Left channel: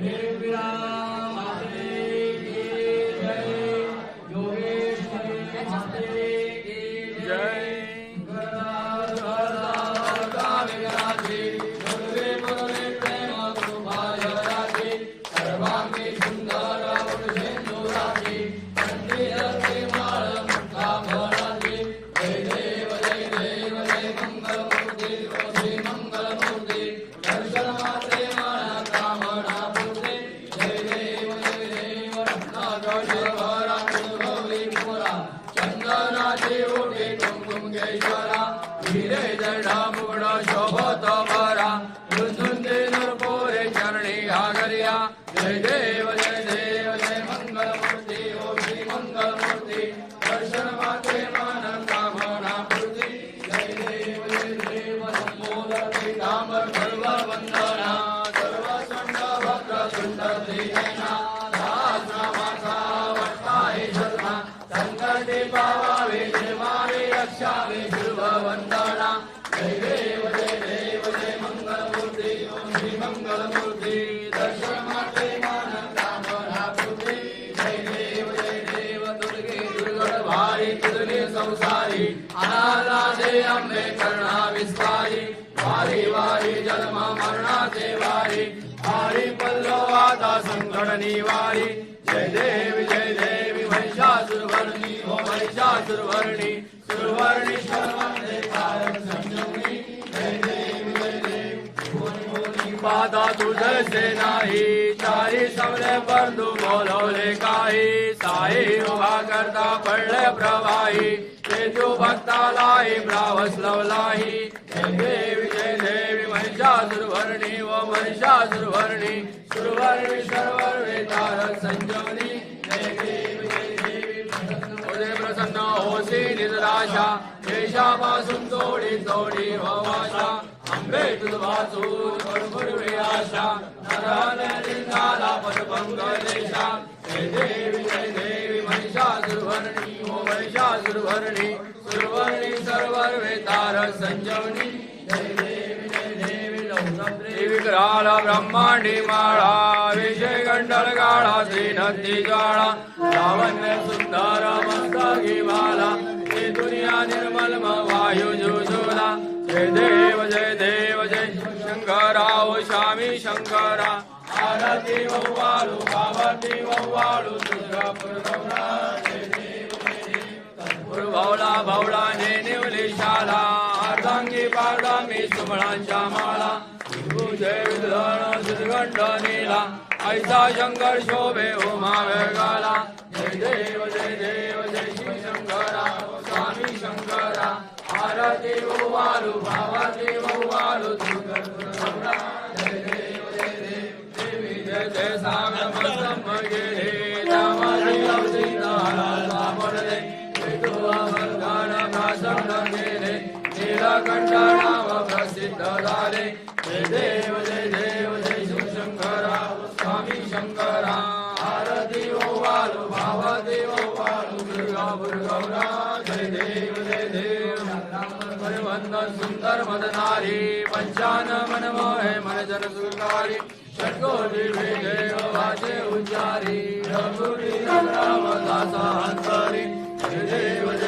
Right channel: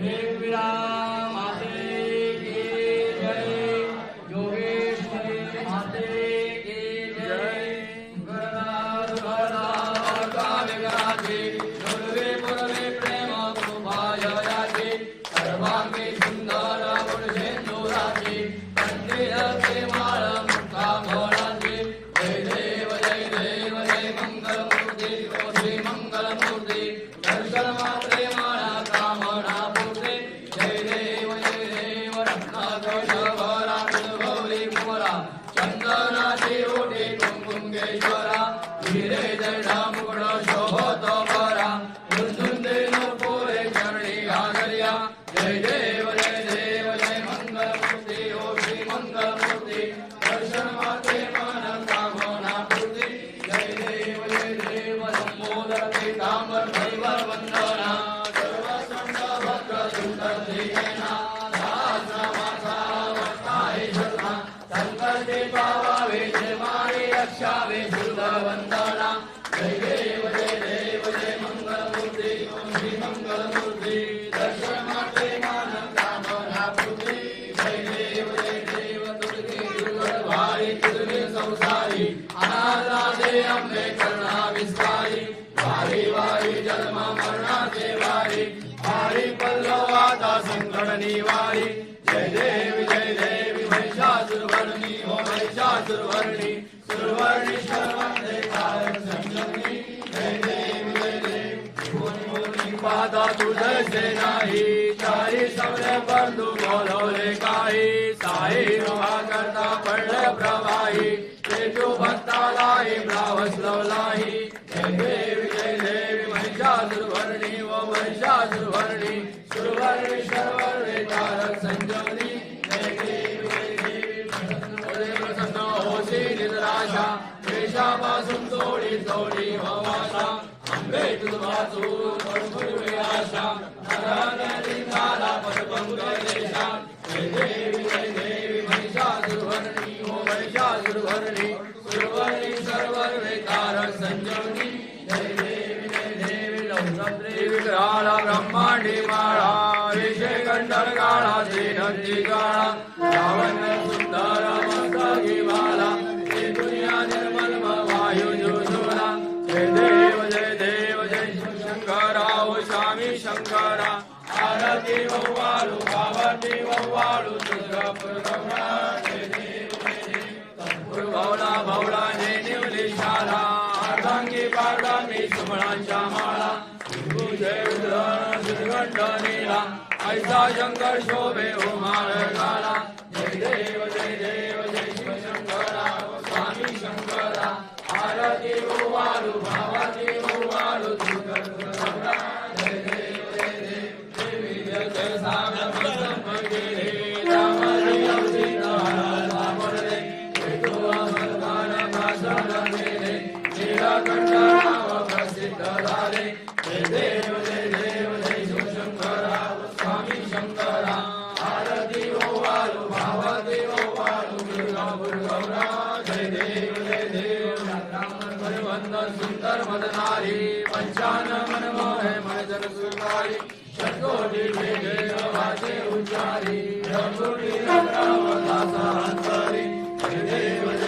Vem. ಸಂತತಿಯನಾ पल्लवाता संकट जय देवी जय देवी महिषासुरवर्णी हो महिषासुरवर्णी। सुरवर्णी शर्वंदे कारक संजनी जय देवी जय देवी। पादा तुझसे नाही। चारी सबले बंधू बोलवले काही। साई उभा करता पडले प्रवाही। ते तेजू भक्तालाही ब्रावस्लवलाही जय देवी जय देवी महिषासुरवर्णी व महिषासुरवर्णी। सुरवर्णी देवी देवी प्रसन्न. देशापासून तोडी तोडी भवाशा आंबे तुझवाचून भरपूर आशा. नरहन लिंगाला देशा देवी जय देवी महिषासुरवर्णी हो महिषासुरवर्णी सुरवर्णी सर्वर्वे तारक संजवनी लौकत्रे ब्रह्मांडी माळा विषय गंडर गाळा नदी गाळा लावण्य सुंदर मस्तकी माला हे दुनिया निर्मल वायू जुजुला जय देव जय देव जय शंकरा ओ स्वामी शंकरा आरती वव्वाळू पावती वव्वाळू दुर्गापूर गौरा भावला भावला ने निवली शाला अर्धांगी पारडा मी सुमळांच्या माळा जय विद्वान नीला ऐसा शंकर शोभे उमा वेगाला। जय देव जय देव जय शिव शंकरा स्वामी शंकरा। आरती ओवाळू भावाती ओवाळू जय देव जय देव देवी जय जय सागर मस्तम गेले रामाजी अवतीर्णाला ओवाळू जय देव जय देव सुंदर मदनारी पंचान मनमोहे मनजन सुकारी षटकोटी विजय वाचे उच्चारी रघुरी रामदासा अंतरी जय देव जय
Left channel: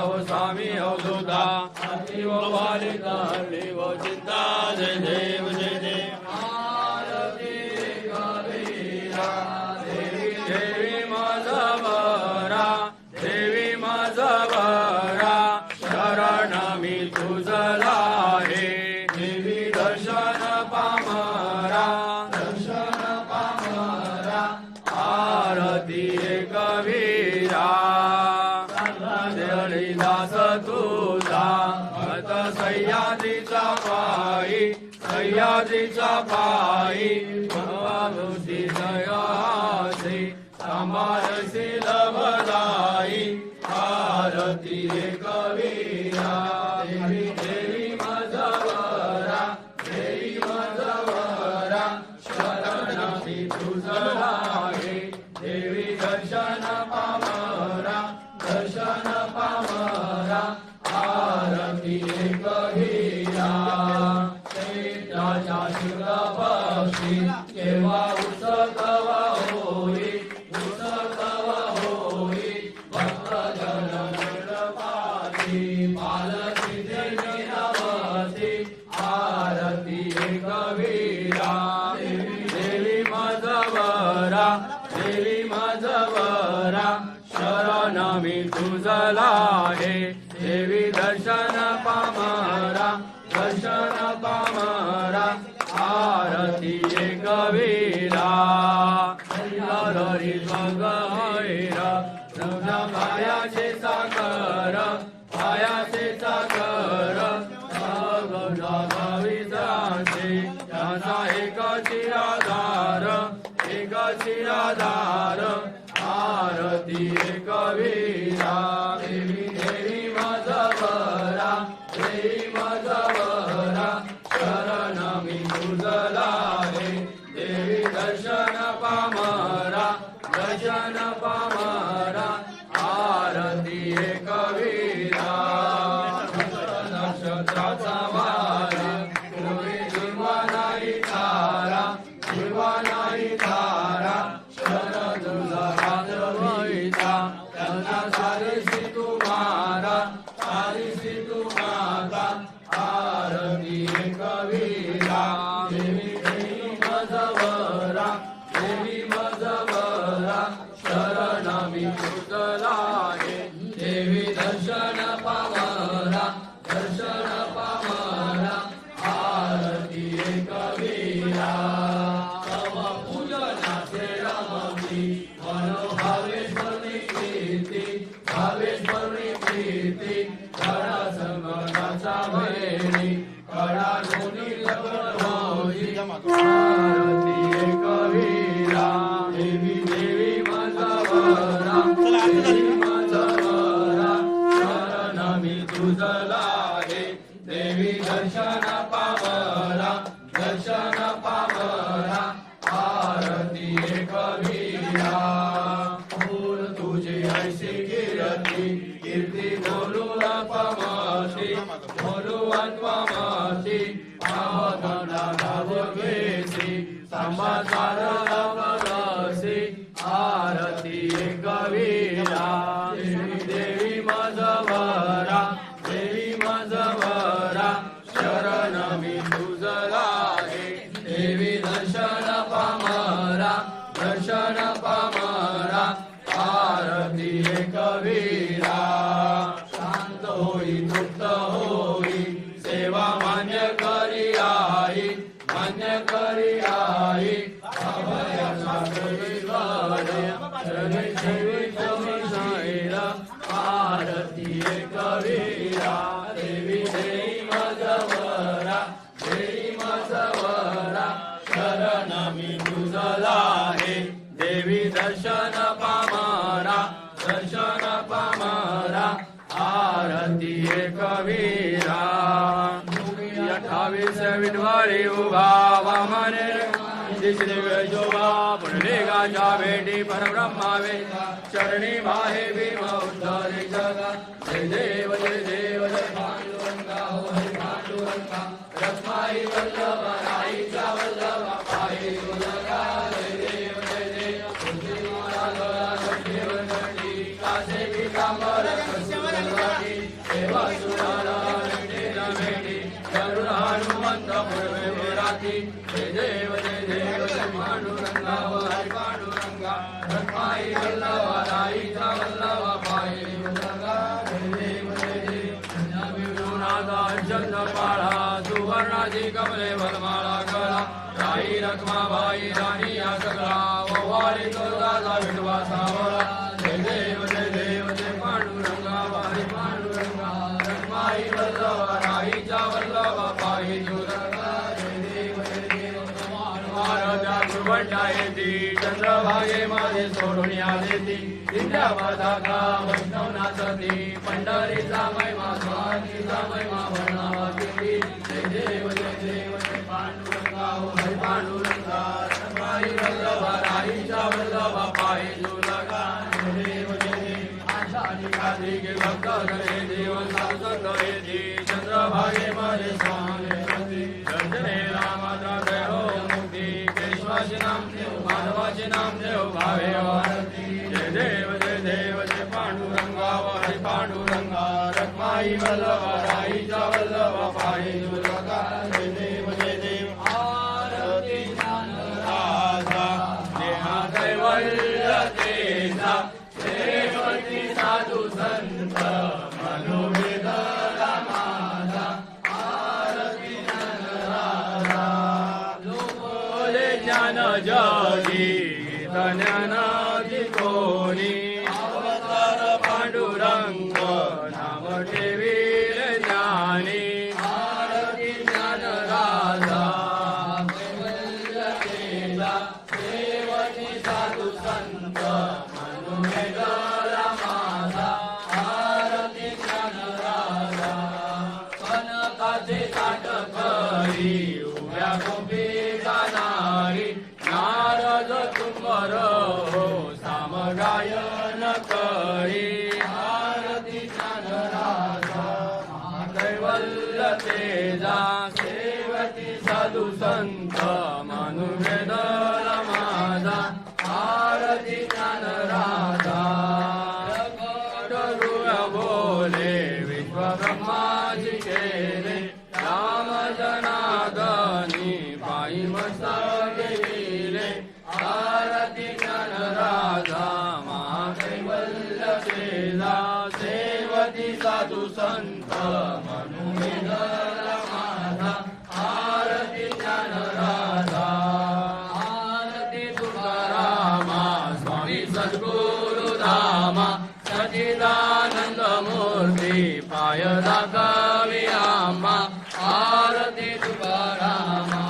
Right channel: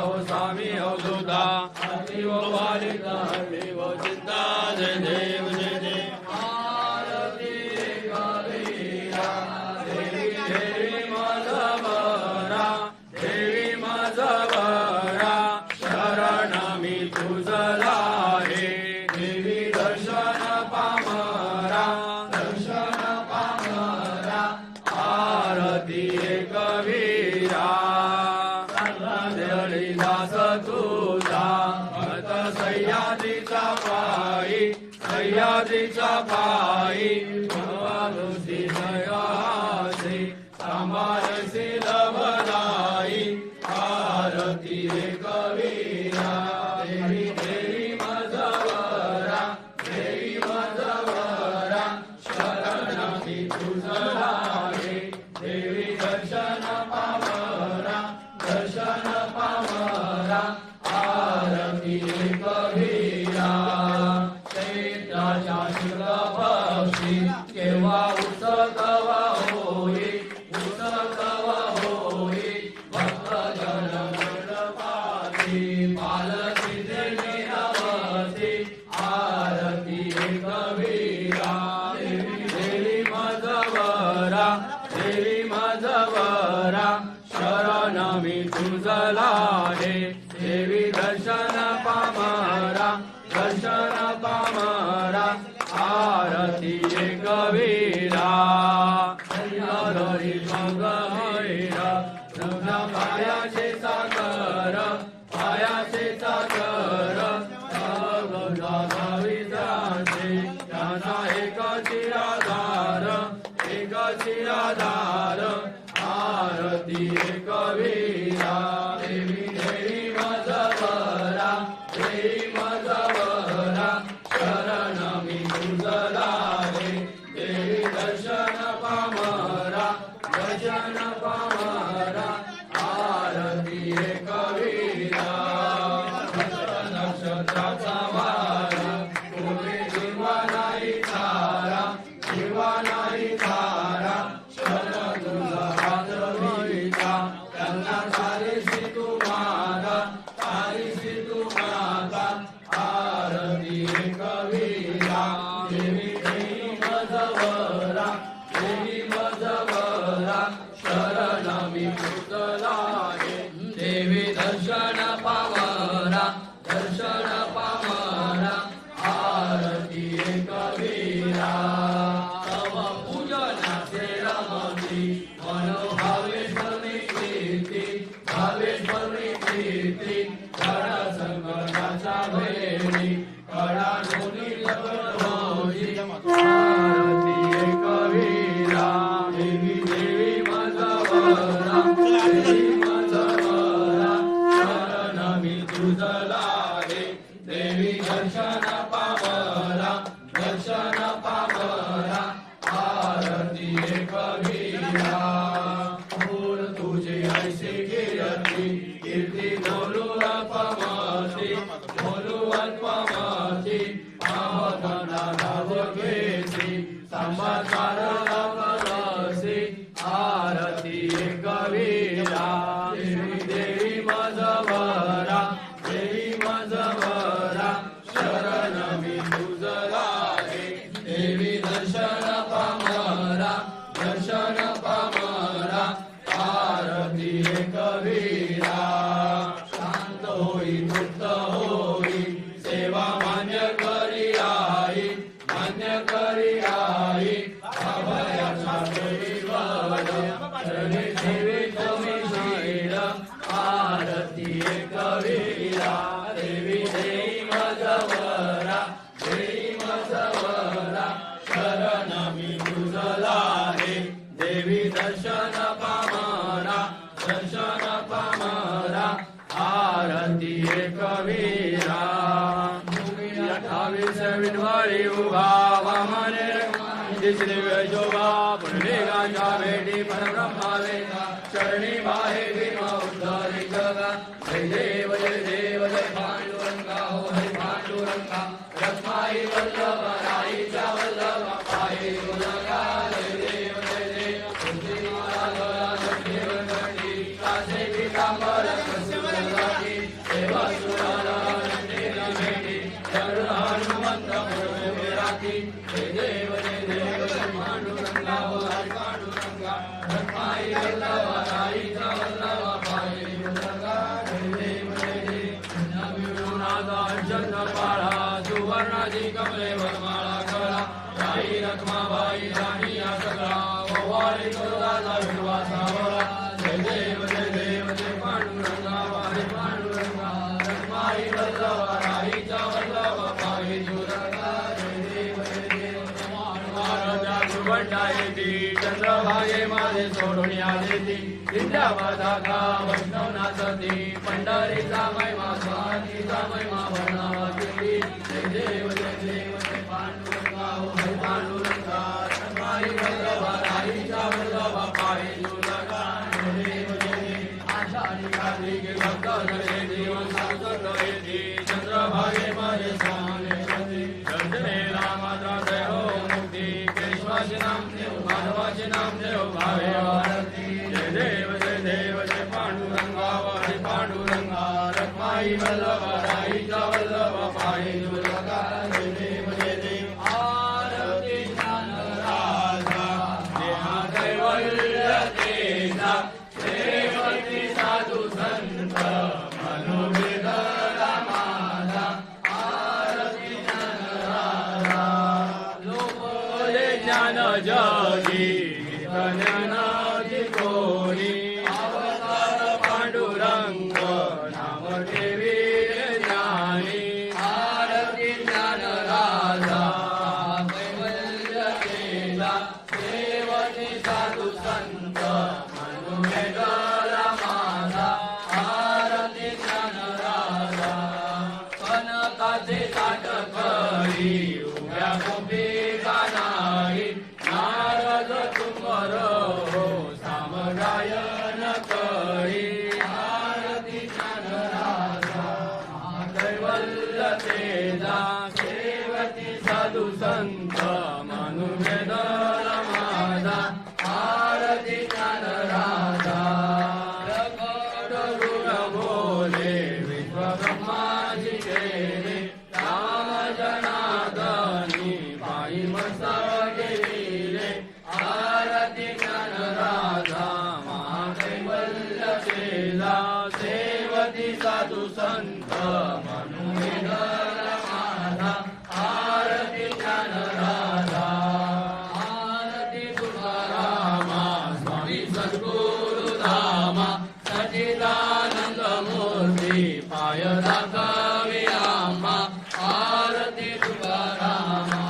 हो स्वामी हो सुधा हरि वो बालिका हरि वो चिंता जय देव जय देव Who's उजला आहे. देवी दर्शन पामारा दर्शन पामारा आरती कवीरा हरी मगैरा नवना पायाचे साकर पायाचे साकर एक चिराधार एक चिराधार आरती कवीरा उजला आहे. देवी दर्शन पामारा दर्शन पामारा आरती कवीरा अठ्ठावीस विनवारी उभा वामने दिसले वेजोबा पुंडली गांजा बेटी परब्रह्मा वेदा चरणी माहे भीमा उद्धारी जगा. जय देव जय देव जय पांडुरंगा हो हरि पांडुरंगा. रत्नाई वल्लभा महाराजा गुरुवंडा येती चंद्रभागे माझे सोडून आले ती. विद्यावादा का वैष्णवनाथ ती. पंढरीचा महिमा स्वामीचा महिमा भरणावा जय देव जय देव. साई वल्लभ राईचा वल्लभ देव देव. आरती शांतराजा नेहा कैवल्य तेजा देवती साधू संत मनोवेद ज्ञान जा श्री पाय दाखवी आम्हा आरती तुकारामा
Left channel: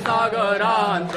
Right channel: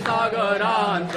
सागरांत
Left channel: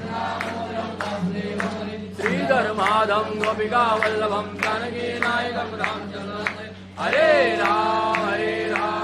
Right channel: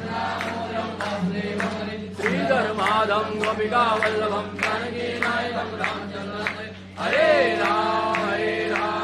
माधं गोपिकावल्लभं जानकी नायकं रामचन्द्र हरे राम हरे राम।